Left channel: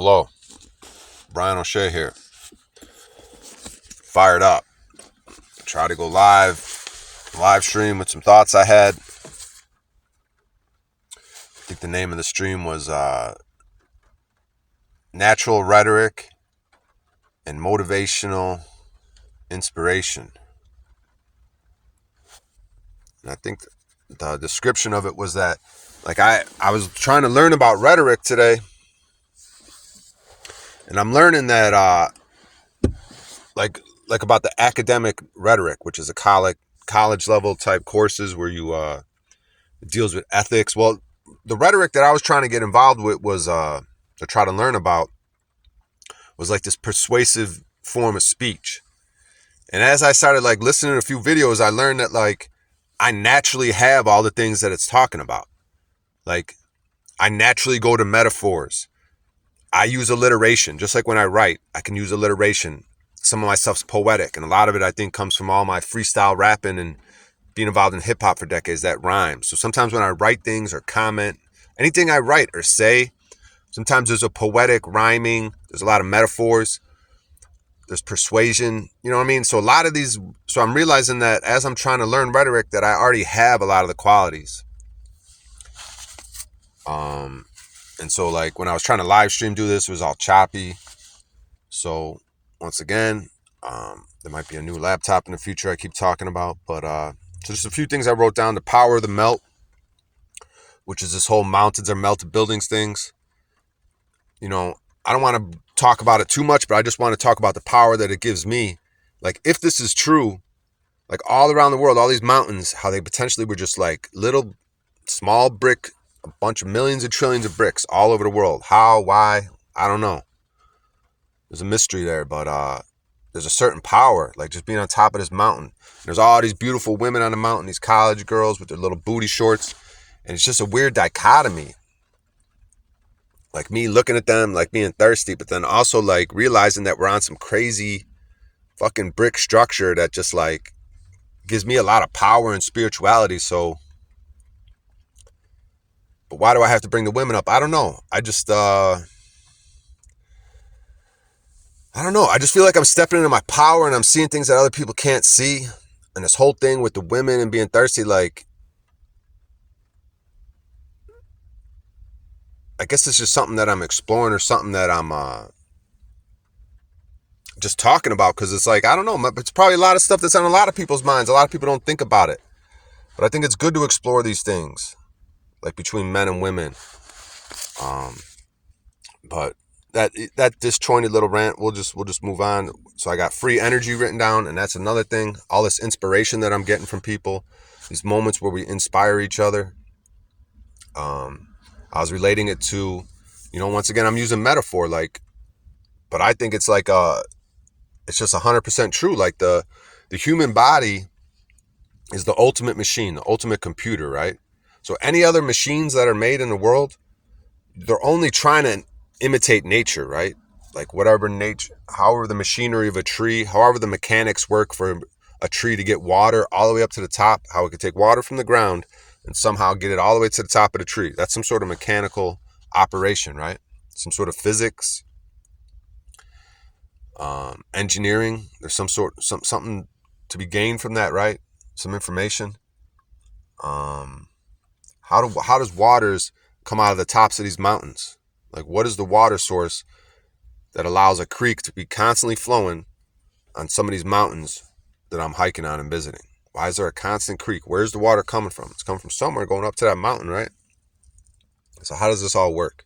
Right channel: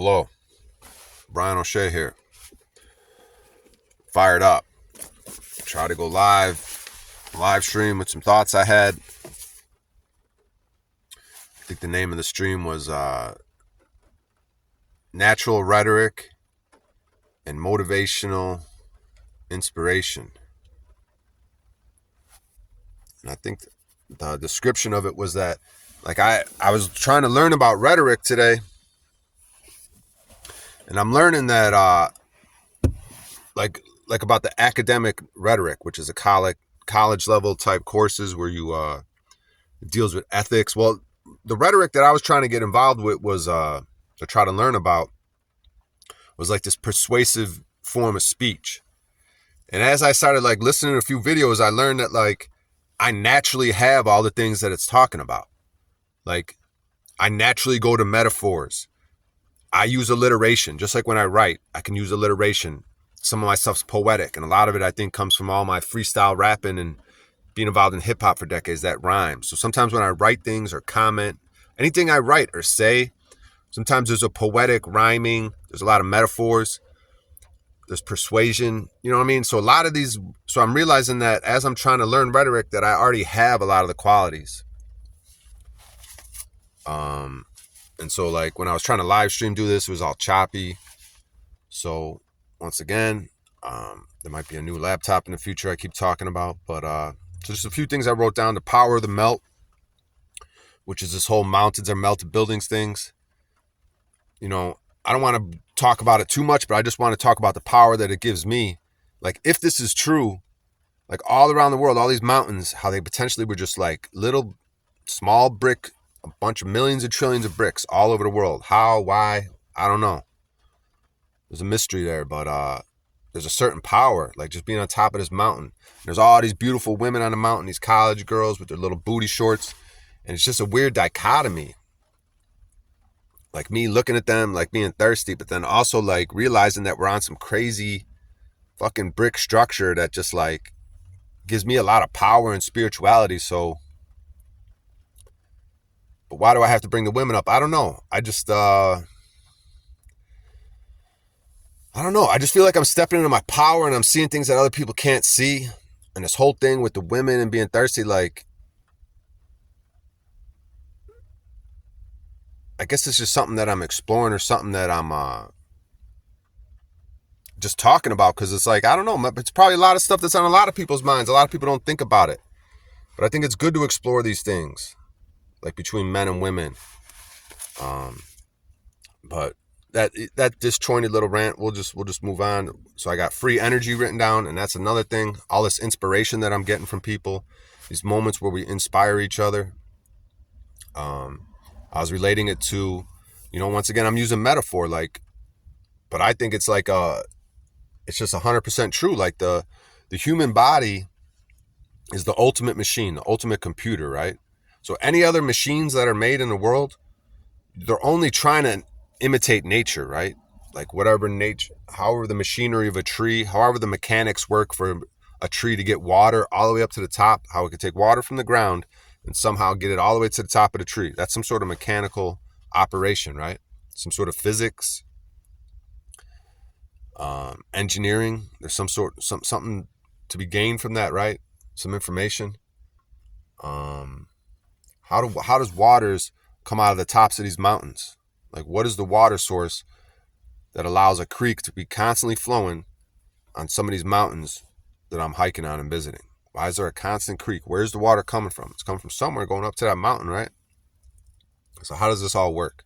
Hello, Brian O'Shea here. Fired up. Try to go live stream with some thoughts I had. I think the name of the stream was Natural Rhetoric and Motivational Inspiration. And I think the description of it was that, like, I was trying to learn about rhetoric today, and I'm learning that like about the academic rhetoric, which is a college level type courses where you deals with ethics. Well, the rhetoric that I was trying to get involved with was to try to learn about was like this persuasive form of speech. And as I started like listening to a few videos, I learned that like I naturally have all the things that it's talking about. Like I naturally go to metaphors. I use alliteration. Just like when I write, I can use alliteration. Some of my stuff's poetic, and a lot of it I think comes from all my freestyle rapping and being involved in hip hop for decades that rhymes. So sometimes when I write things or comment, anything I write or say, sometimes there's a poetic rhyming, there's a lot of metaphors, there's persuasion, you know what I mean? So a lot of these, so I'm realizing that as I'm trying to learn rhetoric that I already have a lot of the qualities. And so like when I was trying to live stream do this, it was all choppy. So once again, there might be a new laptop in the future I keep talking about, but so just a few things I wrote down. The power of the melt, which is this whole mountains are melted buildings things. You know, I don't want to talk about it too much, but I just want to talk about the power that it gives me. Like if this is true, like all around the world, all these mountains, how they potentially were just like little small brick, a bunch of millions and trillions of bricks all over the world. How, why, I don't know. There's a mystery there, but there's a certain power, like just being on top of this mountain. There's all these beautiful women on the mountain, these college girls with their little booty shorts. And it's just a weird dichotomy. Like me looking at them, like being thirsty, but then also like realizing that we're on some crazy fucking brick structure that just like gives me a lot of power and spirituality. So, but why do I have to bring the women up? I don't know. I just feel like I'm stepping into my power and I'm seeing things that other people can't see. And this whole thing with the women and being thirsty, like, I guess it's just something that I'm exploring or something that I'm just talking about. Cause it's like, I don't know, it's probably a lot of stuff that's on a lot of people's minds. A lot of people don't think about it, but I think it's good to explore these things like between men and women. But that disjointed little rant, we'll just move on. So I got free energy written down, and that's another thing. All this inspiration that I'm getting from people, these moments where we inspire each other. I was relating it to, you know, once again, I'm using metaphor, like, but I think it's like it's just 100% true. Like the human body is the ultimate machine, the ultimate computer, right? So any other machines that are made in the world, they're only trying to imitate nature, right? Like whatever nature, however the machinery of a tree, however the mechanics work for a tree to get water all the way up to the top, how it could take water from the ground and somehow get it all the way to the top of the tree. That's some sort of mechanical operation, right? Some sort of physics, engineering. There's something to be gained from that, right? Some information. How does waters come out of the tops of these mountains? Like, what is the water source that allows a creek to be constantly flowing on some of these mountains that I'm hiking on and visiting? Why is there a constant creek? Where's the water coming from? It's coming from somewhere going up to that mountain, right? So how does this all work?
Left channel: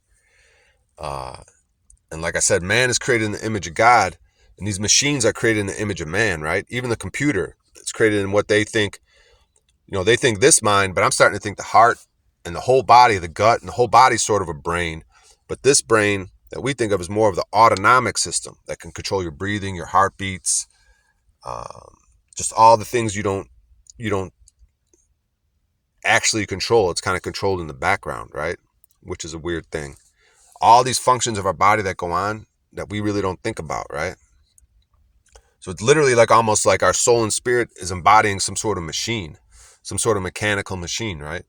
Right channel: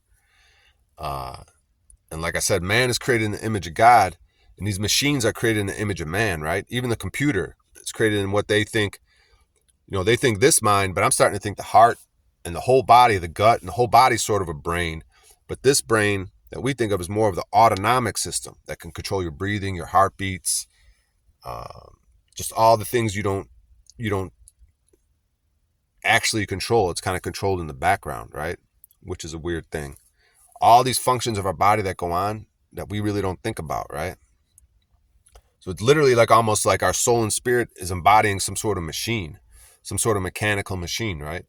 And like I said, man is created in the image of God, and these machines are created in the image of man, right? Even the computer, it's created in what they think, you know, they think this mind, but I'm starting to think the heart and the whole body, the gut, and the whole body is sort of a brain. But this brain that we think of as more of the autonomic system that can control your breathing, your heartbeats, just all the things you don't actually control. It's kind of controlled in the background, right? Which is a weird thing. All these functions of our body that go on that we really don't think about, right? So it's literally like almost like our soul and spirit is embodying some sort of machine, some sort of mechanical machine, right?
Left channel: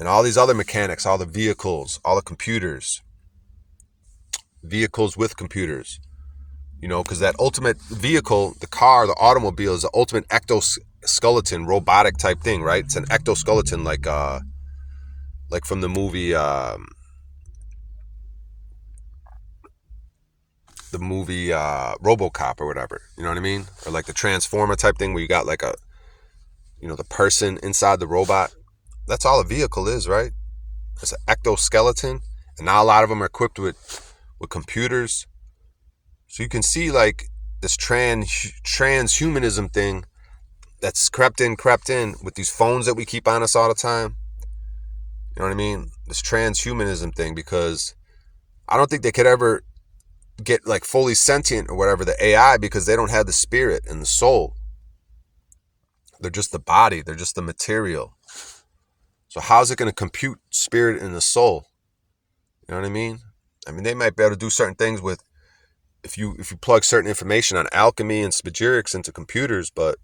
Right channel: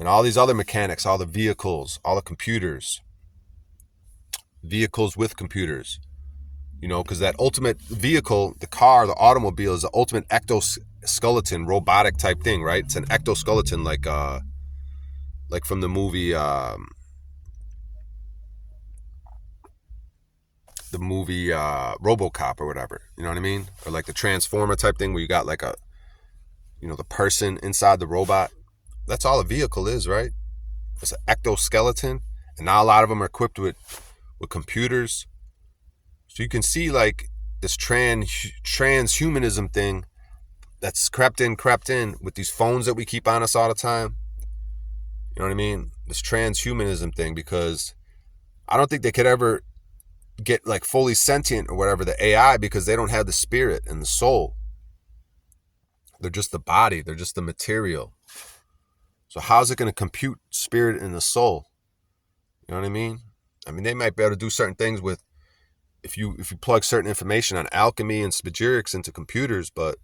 And all these other mechanics, all the vehicles, all the computers, vehicles with computers, because that ultimate vehicle, the car, the automobile, is the ultimate exoskeleton, robotic type thing, right? It's an exoskeleton, like from the movie, RoboCop or whatever. You know what I mean? Or like the Transformer type thing where you got like the person inside the robot. That's all a vehicle is, right? It's an exoskeleton, and now a lot of them are equipped with computers. So you can see like this transhumanism thing that's crept in with these phones that we keep on us all the time. You know what I mean? This transhumanism thing, because I don't think they could ever get like fully sentient or whatever, the AI, because they don't have the spirit and the soul. They're just the body. They're just the material. So how's it going to compute spirit and the soul? You know what I mean? I mean, they might be able to do certain things with, if you plug certain information on alchemy and spagyrics into computers, but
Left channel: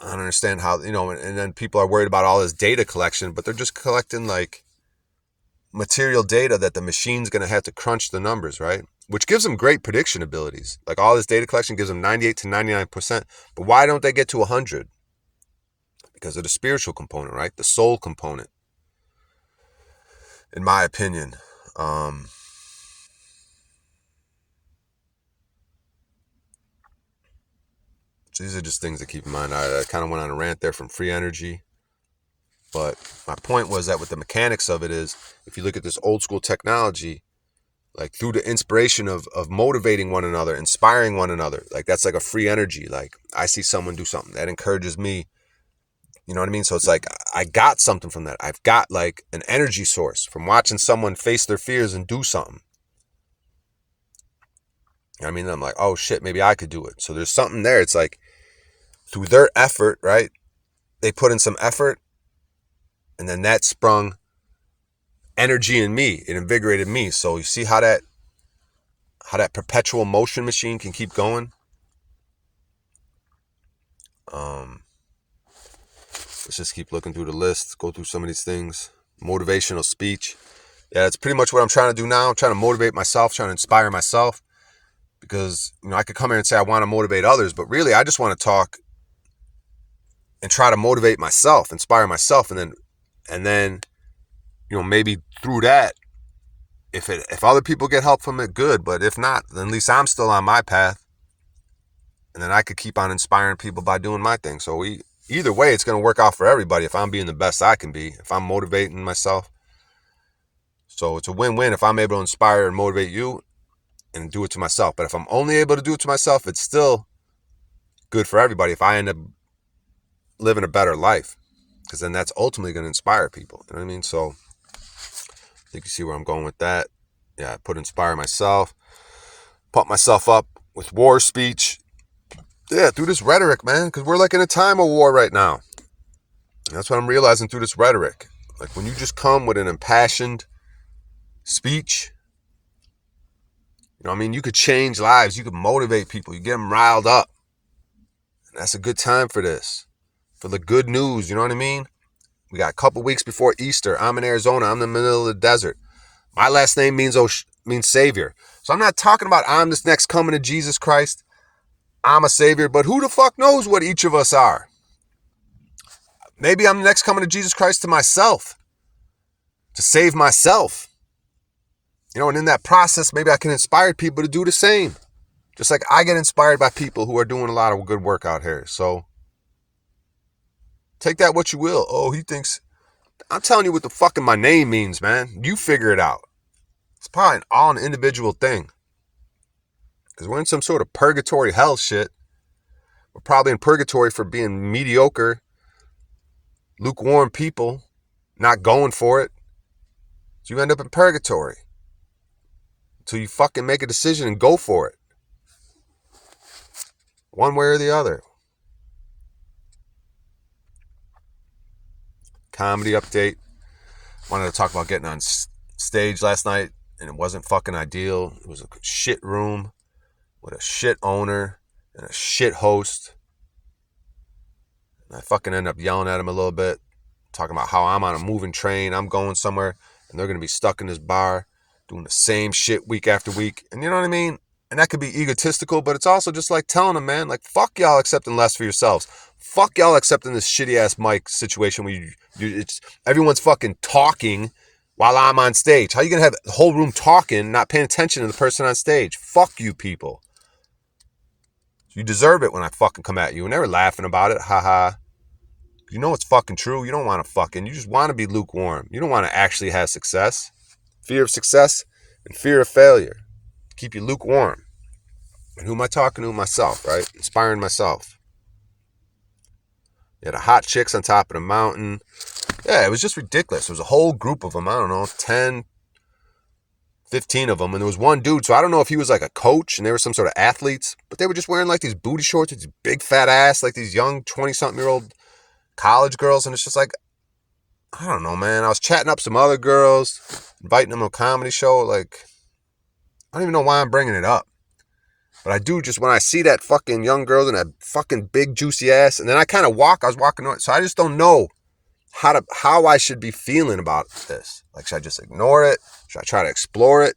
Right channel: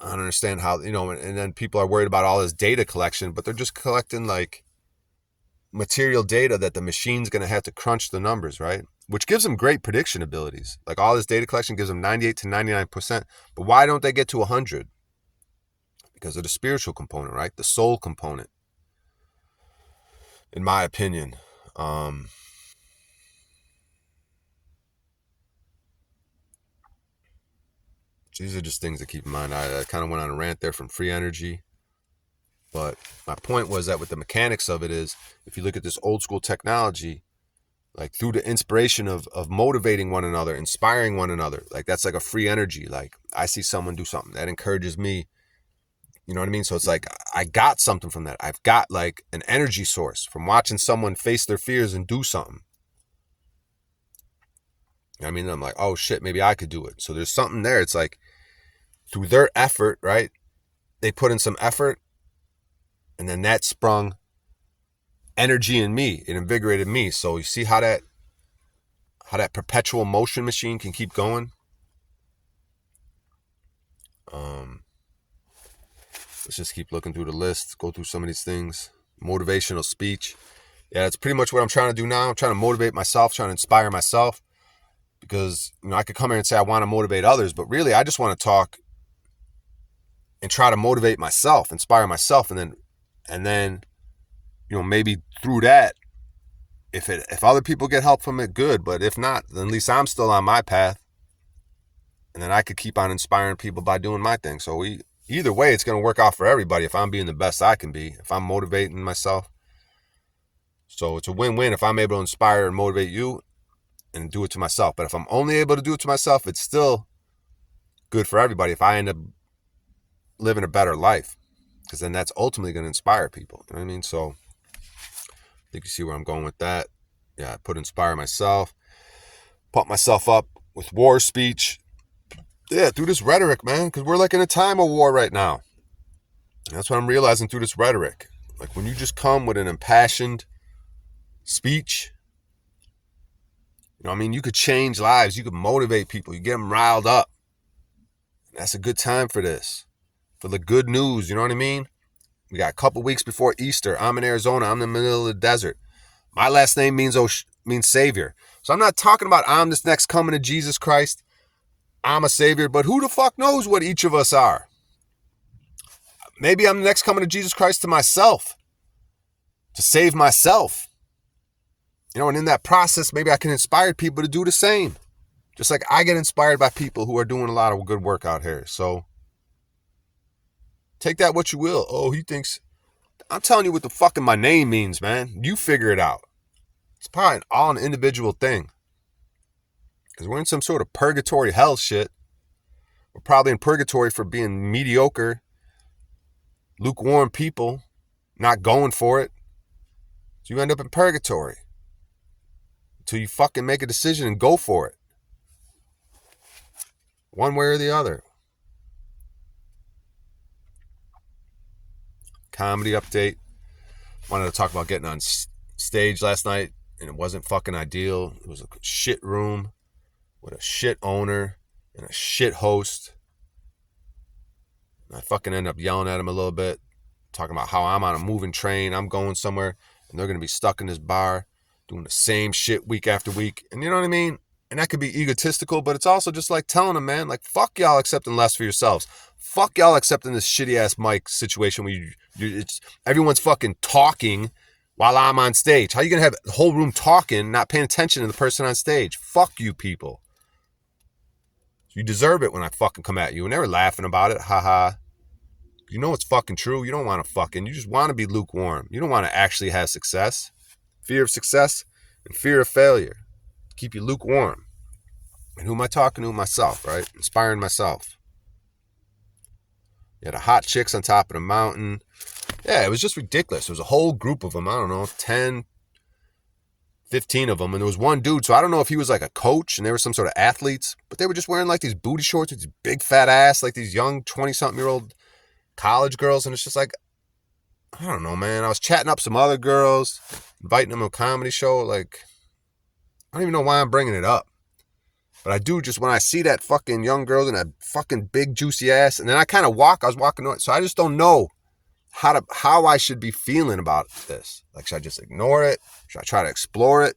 I don't understand how, and then people are worried about all this data collection, but they're just collecting like material data that the machine's going to have to crunch the numbers, right? Which gives them great prediction abilities. Like all this data collection gives them 98 to 99%. But why don't they get to 100? Because of the spiritual component, right? The soul component, in my opinion. So these are just things to keep in mind. I kind of went on a rant there from free energy. But my point was that with the mechanics of it is, if you look at this old school technology, like through the inspiration of motivating one another, inspiring one another, like that's like a free energy. Like I see someone do something that encourages me. You know what I mean? So it's like I got something from that. I've got like an energy source from watching someone face their fears and do something. You know what I mean? I'm like, oh shit, maybe I could do it. So there's something there. It's like through their effort, right? They put in some effort, and then that sprung energy in me. It invigorated me. So you see how that perpetual motion machine can keep going. Let's just keep looking through the list, go through some of these things. Motivational speech. Yeah, that's pretty much what I'm trying to do now. I'm trying to motivate myself, trying to inspire myself, because I could come here and say I want to motivate others, but really I just want to talk and try to motivate myself, inspire myself, and then maybe through that, if other people get help from it, good. But if not, then at least I'm still on my path, and then I could keep on inspiring people by doing my thing. So either way, it's going to work out for everybody if I'm being the best I can be, if I'm motivating myself. So it's a win-win if I'm able to inspire and motivate you and do it to myself. But if I'm only able to do it to myself, it's still good for everybody if I end up living a better life, because then that's ultimately going to inspire people. You know what I mean? So I think you see where I'm going with that. Yeah, I put inspire myself, pump myself up with war speech. Yeah, through this rhetoric, man, because we're like in a time of war right now. And that's what I'm realizing through this rhetoric. Like when you just come with an impassioned speech, you could change lives. You could motivate people. You get them riled up. And that's a good time for this, for the good news. You know what I mean? We got a couple weeks before Easter. I'm in Arizona. I'm in the middle of the desert. My last name means Savior. So I'm not talking about I'm this next coming of Jesus Christ. I'm a Savior. But who the fuck knows what each of us are? Maybe I'm the next coming of Jesus Christ to myself, to save myself. And in that process, maybe I can inspire people to do the same. Just like I get inspired by people who are doing a lot of good work out here. So take that what you will. Oh, he thinks... I'm telling you what the fucking my name means, man. You figure it out. It's probably all an individual thing. Because we're in some sort of purgatory hell shit. We're probably in purgatory for being mediocre, lukewarm people, not going for it. So you end up in purgatory until you fucking make a decision and go for it. One way or the other. Comedy update. Wanted to talk about getting on stage last night, and it wasn't fucking ideal. It was a shit room with a shit owner and a shit host. And I fucking ended up yelling at him a little bit. talking about how I'm on a moving train, I'm going somewhere, and they're going to be stuck in this bar doing the same shit week after week. And you know what I mean? And that could be egotistical, but it's also just like telling them, man, like, fuck y'all accepting less for yourselves. Fuck y'all accepting this shitty ass mic situation where it's everyone's fucking talking while I'm on stage. How you gonna have the whole room talking, not paying attention to the person on stage? Fuck you people. You deserve it when I fucking come at you. And they were laughing about it. Haha. You know it's fucking true. You don't want to you just want to be lukewarm. You don't want to actually have success. Fear of success and fear of failure keep you lukewarm. And who am I talking to? Myself, right? Inspiring myself. Yeah, the hot chicks on top of the mountain. Yeah, it was just ridiculous. There was a whole group of them. I don't know, 10, 15 of them. And there was one dude, so I don't know if he was like a coach and they were some sort of athletes, but they were just wearing like these booty shorts with these big fat ass, like these young 20-something-year-old college girls. And it's just like, I don't know, man. I was chatting up some other girls, inviting them to a comedy show. Like, I don't even know why I'm bringing it up. But I do just when I see that fucking young girl and that fucking big juicy ass, and then I kind of I was walking on it. So I just don't know how I should be feeling about this. Like, should I just ignore it? Should I try to explore it?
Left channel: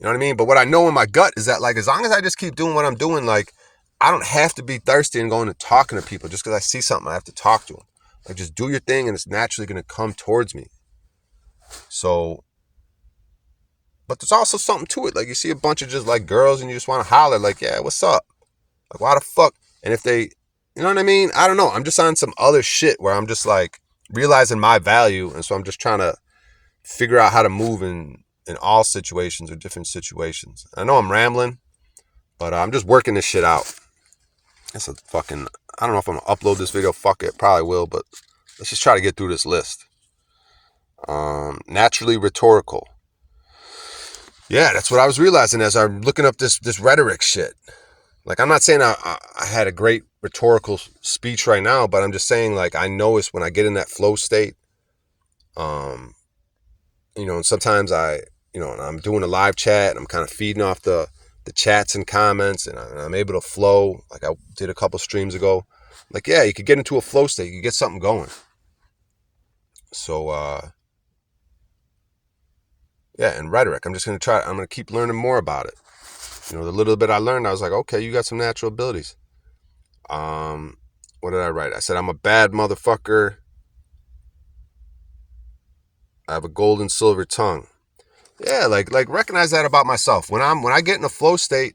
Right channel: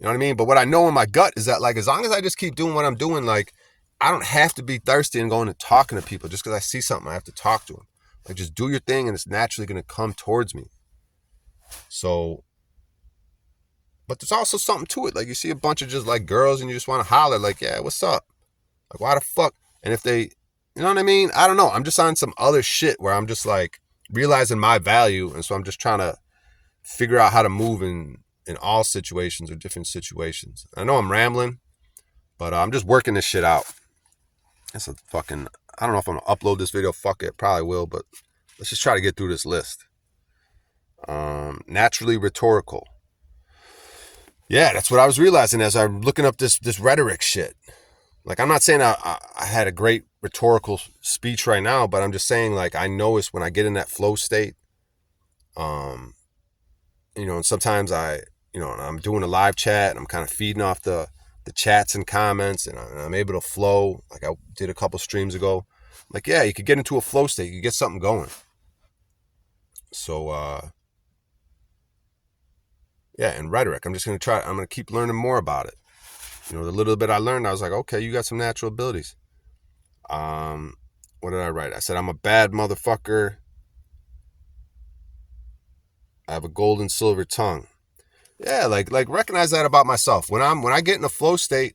You know what I mean? But what I know in my gut is that, like, as long as I just keep doing what I'm doing, like, I don't have to be thirsty and going and talking to people just because I see something I have to talk to them. Like, just do your thing and it's naturally going to come towards me. So, but there's also something to it. Like, you see a bunch of just like girls and you just want to holler, like, yeah, what's up? Like, why the fuck? And if they, you know what I mean? I don't know. I'm just on some other shit where I'm just like realizing my value. And so I'm just trying to figure out how to move in all situations or different situations. I know I'm rambling, but I'm just working this shit out. That's a fucking, I don't know if I'm going to upload this video. Fuck it. Probably will, but let's just try to get through this list. Naturally rhetorical. Yeah, that's what I was realizing as I'm looking up this rhetoric shit. Like, I'm not saying I had a great rhetorical speech right now, but I'm just saying, like, I notice when I get in that flow state, you know, and sometimes I'm doing a live chat and I'm kind of feeding off the chats and comments and I'm able to flow. Like I did a couple streams ago. Like, yeah, you could get into a flow state. You could get something going. So, yeah, and rhetoric. I'm going to keep learning more about it. You know, the little bit I learned, I was like, okay, you got some natural abilities. What did I write? I said, I'm a bad motherfucker. I have a gold and silver tongue. Yeah, like recognize that about myself. When I get in a flow state,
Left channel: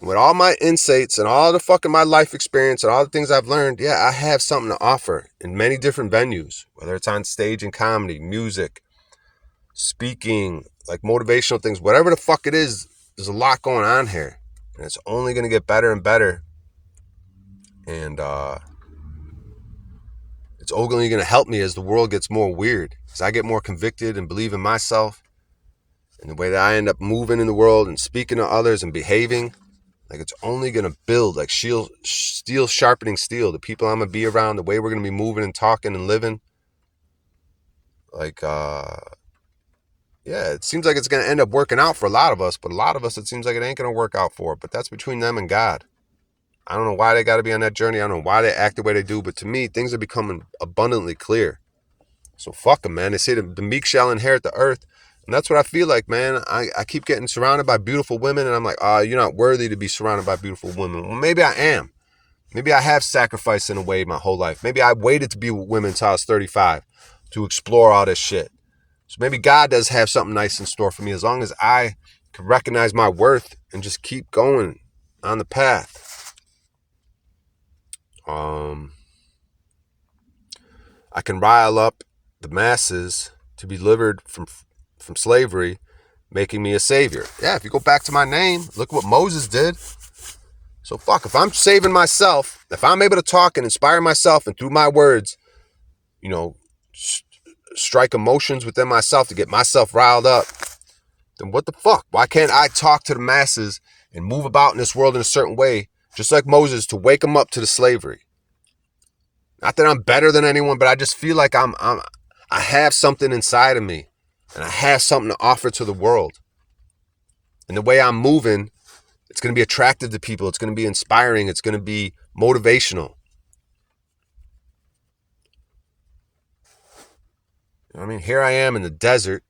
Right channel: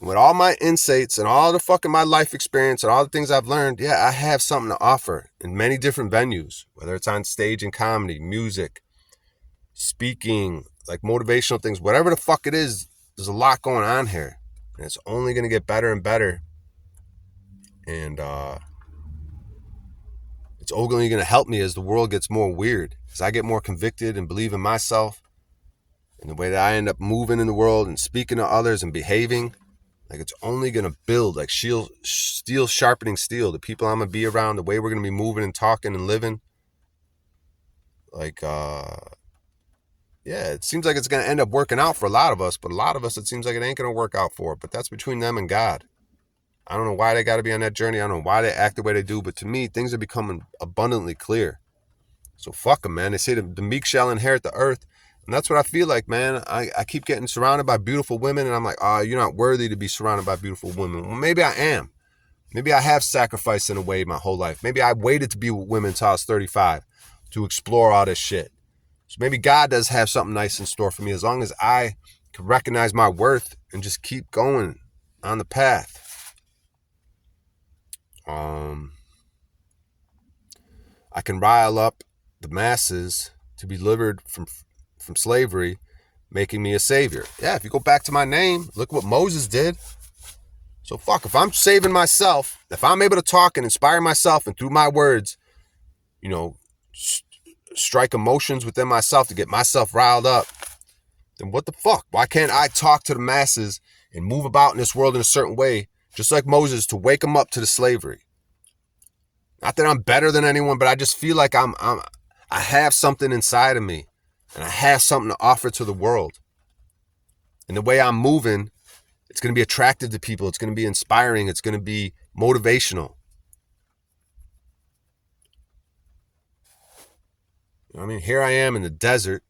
with all my insights and all the fucking my life experience and all the things I've learned, yeah, I have something to offer in many different venues, whether it's on stage and comedy, music, speaking, like motivational things, whatever the fuck it is, there's a lot going on here. And it's only going to get better and better. And it's only going to help me as the world gets more weird. As I get more convicted and believe in myself and the way that I end up moving in the world and speaking to others and behaving, like it's only going to build, like steel sharpening steel. The people I'm going to be around, the way we're going to be moving and talking and living. Like, yeah, it seems like it's going to end up working out for a lot of us, but a lot of us, it seems like it ain't going to work out for. But that's between them and God. I don't know why they got to be on that journey. I don't know why they act the way they do, but to me, things are becoming abundantly clear. So fuck them, man. They say the meek shall inherit the earth. And that's what I feel like, man. I keep getting surrounded by beautiful women, and I'm like, you're not worthy to be surrounded by beautiful women. Well, maybe I am. Maybe I have sacrificed in a way my whole life. Maybe I waited to be with women until I was 35 to explore all this shit. So maybe God does have something nice in store for me as long as I can recognize my worth and just keep going on the path. I can rile up the masses to be delivered from slavery, making me a savior. Yeah, if you go back to my name, look what Moses did. So fuck, if I'm saving myself, if I'm able to talk and inspire myself and through my words, you know, strike emotions within myself to get myself riled up, then what the fuck? Why can't I talk to the masses and move about in this world in a certain way, just like Moses, to wake them up to the slavery? Not that I'm better than anyone, but I just feel like I have something inside of me and I have something to offer to the world. And the way I'm moving, it's going to be attractive to people. It's going to be inspiring. It's going to be motivational. I mean, here I am in the desert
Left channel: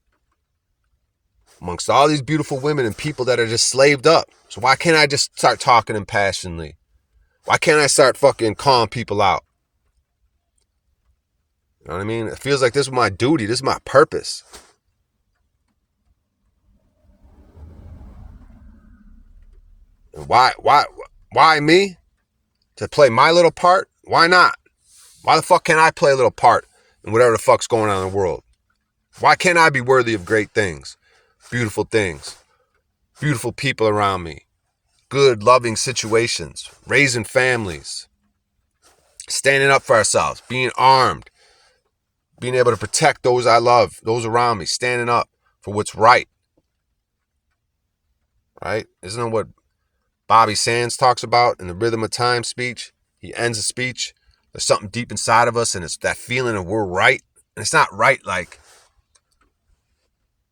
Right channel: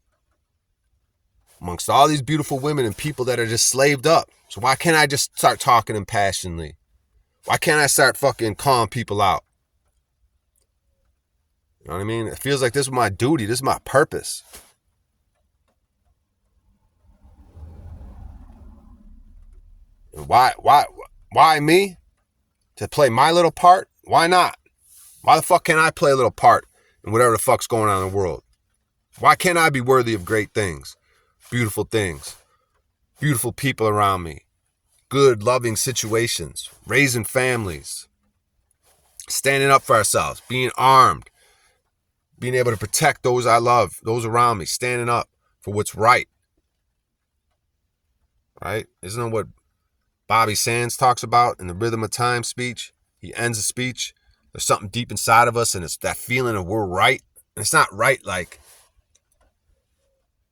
amongst all these beautiful women and people that are just slaved up. So why can't I just start talking impassionedly? Why can't I start fucking calling people out? You know what I mean? It feels like this is my duty. This is my purpose. And why me? To play my little part? Why not? Why the fuck can't I play a little part in whatever the fuck's going on in the world? Why can't I be worthy of great things, beautiful people around me, good, loving situations, raising families, standing up for ourselves, being armed, being able to protect those I love, those around me, standing up for what's right? Right? Isn't that what Bobby Sands talks about in the Rhythm of Time speech? He ends the speech. There's something deep inside of us, and it's that feeling of we're right. And it's not right like,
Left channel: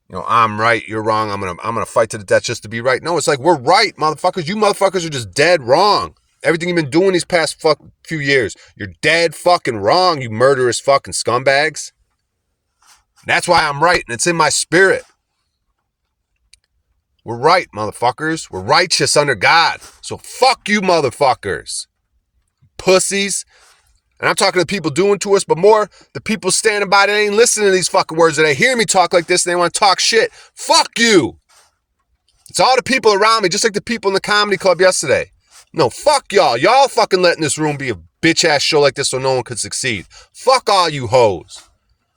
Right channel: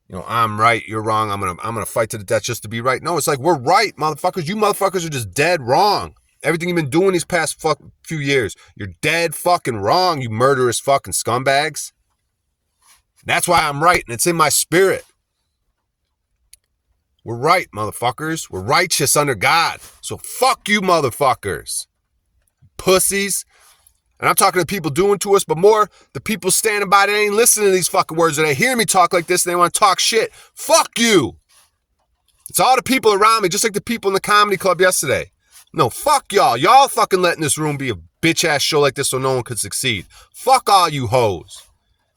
you know, I'm right, you're wrong, I'm gonna fight to the death just to be right. No, it's like we're right, motherfuckers. You motherfuckers are just dead wrong. Everything you've been doing these past few years, you're dead fucking wrong, you murderous fucking scumbags. That's why I'm right, and it's in my spirit. We're right, motherfuckers. We're righteous under God. So fuck you, motherfuckers. Pussies. And I'm talking to people doing to us, but more the people standing by that ain't listening to these fucking words, that they hear me talk like this and they want to talk shit. Fuck you. It's all the people around me, just like the people in the comedy club yesterday. No, fuck y'all. Y'all fucking letting this room be a bitch-ass show like this so no one could succeed. Fuck all you hoes.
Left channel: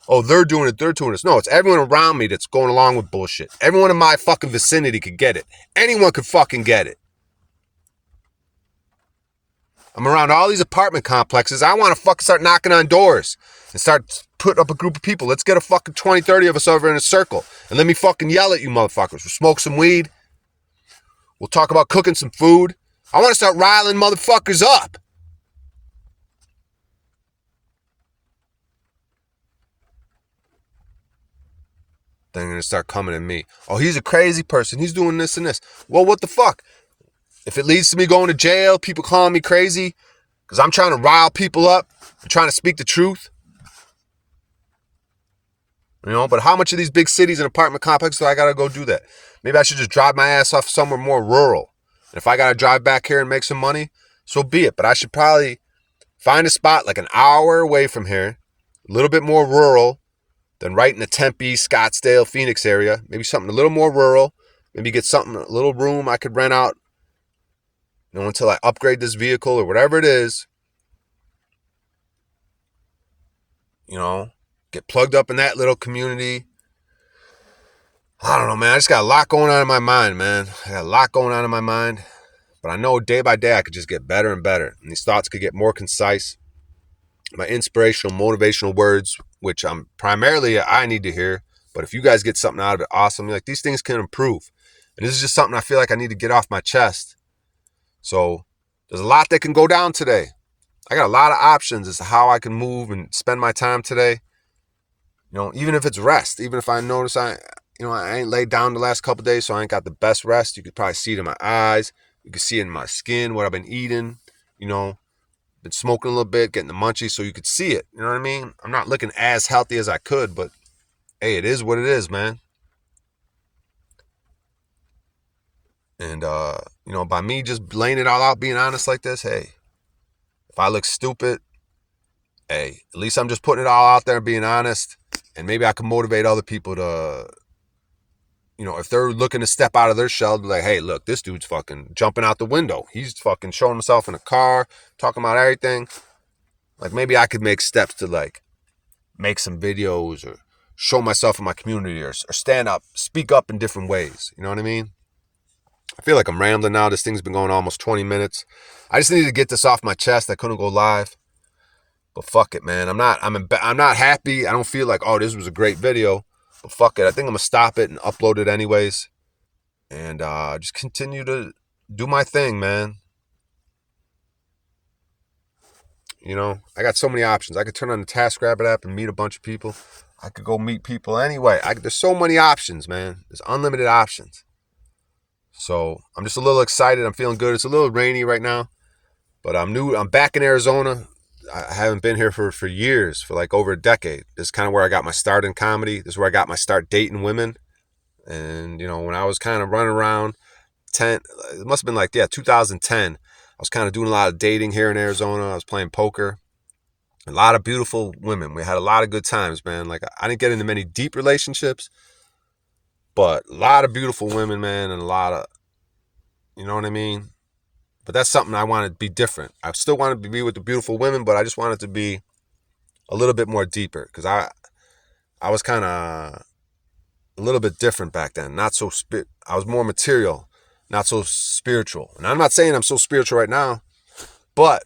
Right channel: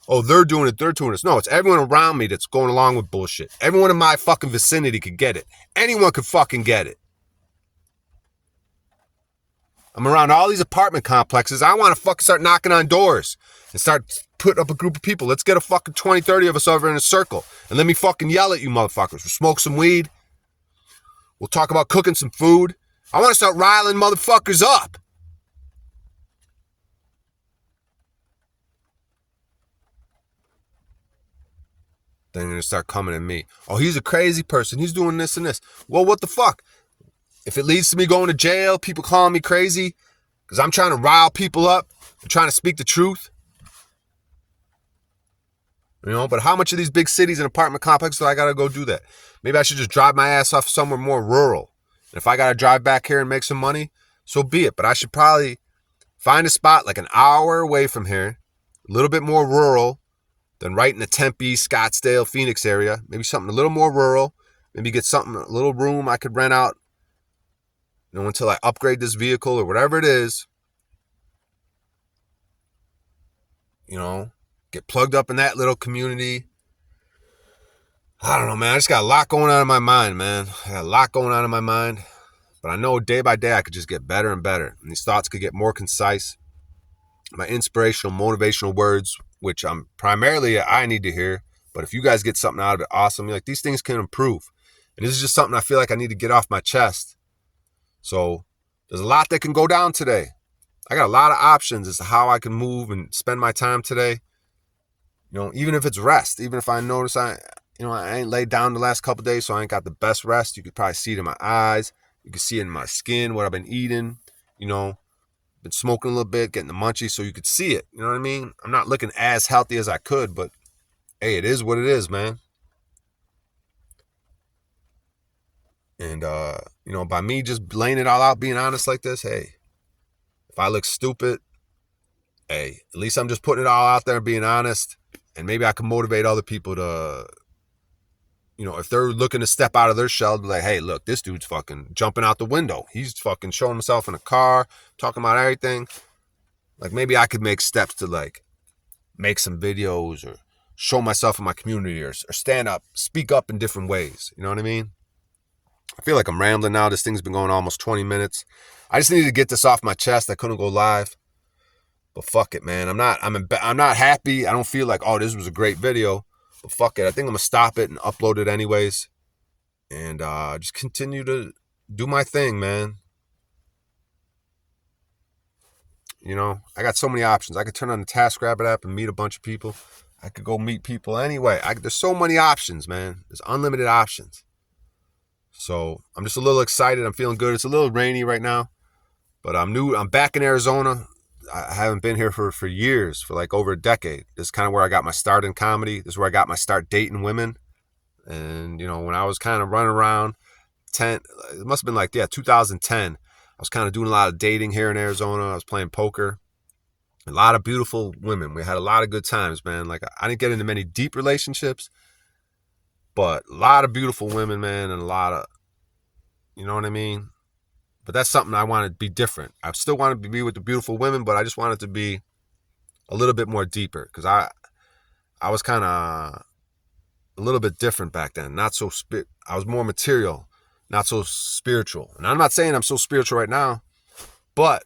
Oh, they're doing it, they're doing this. No, it's everyone around me that's going along with bullshit. Everyone in my fucking vicinity could get it. Anyone could fucking get it. I'm around all these apartment complexes. I want to fucking start knocking on doors and start putting up a group of people. Let's get a fucking 20, 30 of us over in a circle and let me fucking yell at you motherfuckers. We'll smoke some weed. We'll talk about cooking some food. I want to start riling motherfuckers up. Then they're going to start coming at me. Oh, he's a crazy person. He's doing this and this. Well, what the fuck? If it leads to me going to jail, people calling me crazy because I'm trying to rile people up, I'm trying to speak the truth. You know, but how much of these big cities and apartment complexes do I got to go do that? Maybe I should just drive my ass off somewhere more rural. And if I got to drive back here and make some money, so be it. But I should probably find a spot like an hour away from here, a little bit more rural than right in the Tempe, Scottsdale, Phoenix area. Maybe something a little more rural. Maybe get something, a little room I could rent out, you know, until I upgrade this vehicle or whatever it is. You know, get plugged up in that little community. I don't know, man. I just got a lot going on in my mind, man. I got a lot going on in my mind. But I know day by day I could just get better and better. And these thoughts could get more concise. My inspirational, motivational words, which I'm primarily I need to hear. But if you guys get something out of it, awesome. Like, these things can improve. And this is just something I feel like I need to get off my chest. So there's a lot that can go down today. I got a lot of options as to how I can move and spend my time today. You know, even if it's rest, even if I notice I ain't laid down the last couple of days, so I ain't got the best rest. You could probably see it in my eyes. You can see it in my skin, what I've been eating. You know, been smoking a little bit, getting the munchies, so you could see it. You know what I mean? I'm not looking as healthy as I could, but hey, it is what it is, man. And, you know, by me just laying it all out, being honest like this, hey, if I look stupid, hey, at least I'm just putting it all out there and being honest. And maybe I can motivate other people to, you know, if they're looking to step out of their shell, be like, hey, look, this dude's fucking jumping out the window. He's fucking showing himself in a car, talking about everything. Like, maybe I could make steps to, like, make some videos or show myself in my community or stand up, speak up in different ways. You know what I mean? I feel like I'm rambling now. This thing's been going almost 20 minutes. I just needed to get this off my chest. I couldn't go live. But fuck it, man. I'm not happy. I don't feel like, oh, this was a great video. But fuck it. I think I'm going to stop it and upload it anyways. And just continue to do my thing, man. You know, I got so many options. I could turn on the TaskRabbit app and meet a bunch of people. I could go meet people anyway. There's so many options, man. There's unlimited options. So I'm just a little excited. I'm feeling good. It's a little rainy right now, but I'm back in Arizona. I haven't been here for years, for like over a decade. This is kind of where I got my start in comedy. This is where I got my start dating women. And, you know, when I was kind of running around, it must have been like, yeah, 2010. I was kind of doing a lot of dating here in Arizona. I was playing poker. A lot of beautiful women. We had a lot of good times, man. Like, I didn't get into many deep relationships, but a lot of beautiful women, man, and a lot of, you know what I mean? But that's something I wanted to be different. I still wanted to be with the beautiful women, but I just wanted to be a little bit more deeper, because I was kind of a little bit different back then. Not so I was more material, not so spiritual. And I'm not saying I'm so spiritual right now, but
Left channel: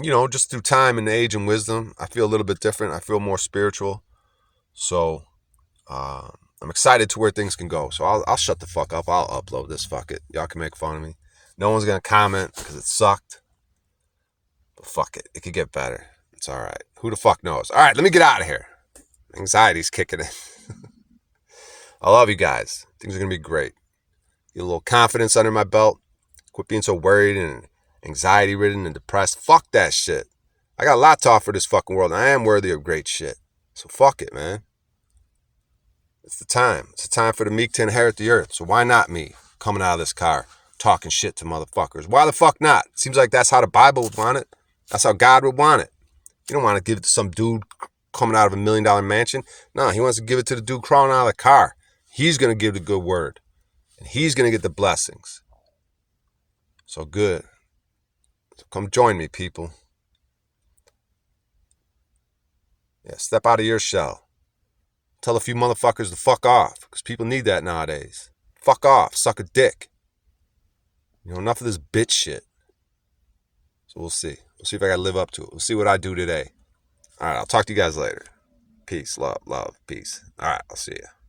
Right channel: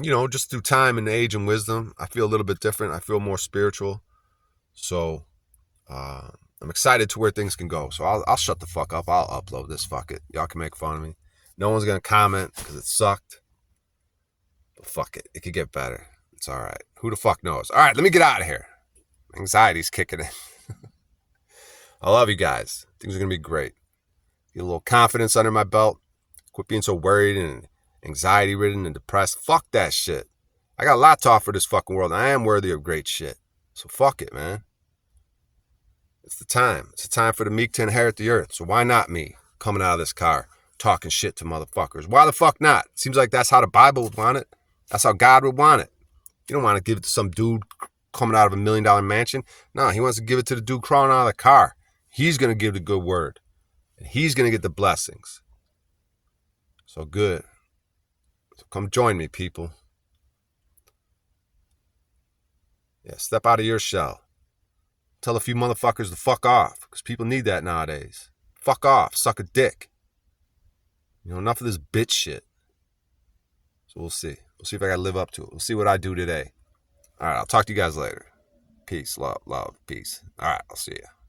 you know, just through time and age and wisdom, I feel a little bit different. I feel more spiritual. So I'm excited to where things can go. So I'll shut the fuck up. I'll upload this. Fuck it. Y'all can make fun of me. No one's gonna comment because it sucked. But fuck it. It could get better. It's all right. Who the fuck knows? All right, let me get out of here. Anxiety's kicking in. I love you guys. Things are gonna be great. Get a little confidence under my belt. Quit being so worried and anxiety ridden and depressed. Fuck that shit. I got a lot to offer this fucking world, and I am worthy of great shit. So fuck it, man. It's the time. It's the time for the meek to inherit the earth. So why not me coming out of this car talking shit to motherfuckers? Why the fuck not? Seems like that's how the Bible would want it. That's how God would want it. You don't want to give it to some dude coming out of $1 million mansion. No, he wants to give it to the dude crawling out of the car. He's going to give the good word. And he's going to get the blessings. So good. So come join me, people. Yeah, step out of your shell. Tell a few motherfuckers to fuck off, because people need that nowadays. Fuck off. Suck a dick. You know, enough of this bitch shit. So we'll see. We'll see if I got to live up to it. We'll see what I do today. All right, I'll talk to you guys later. Peace, love, peace. All right, I'll see you.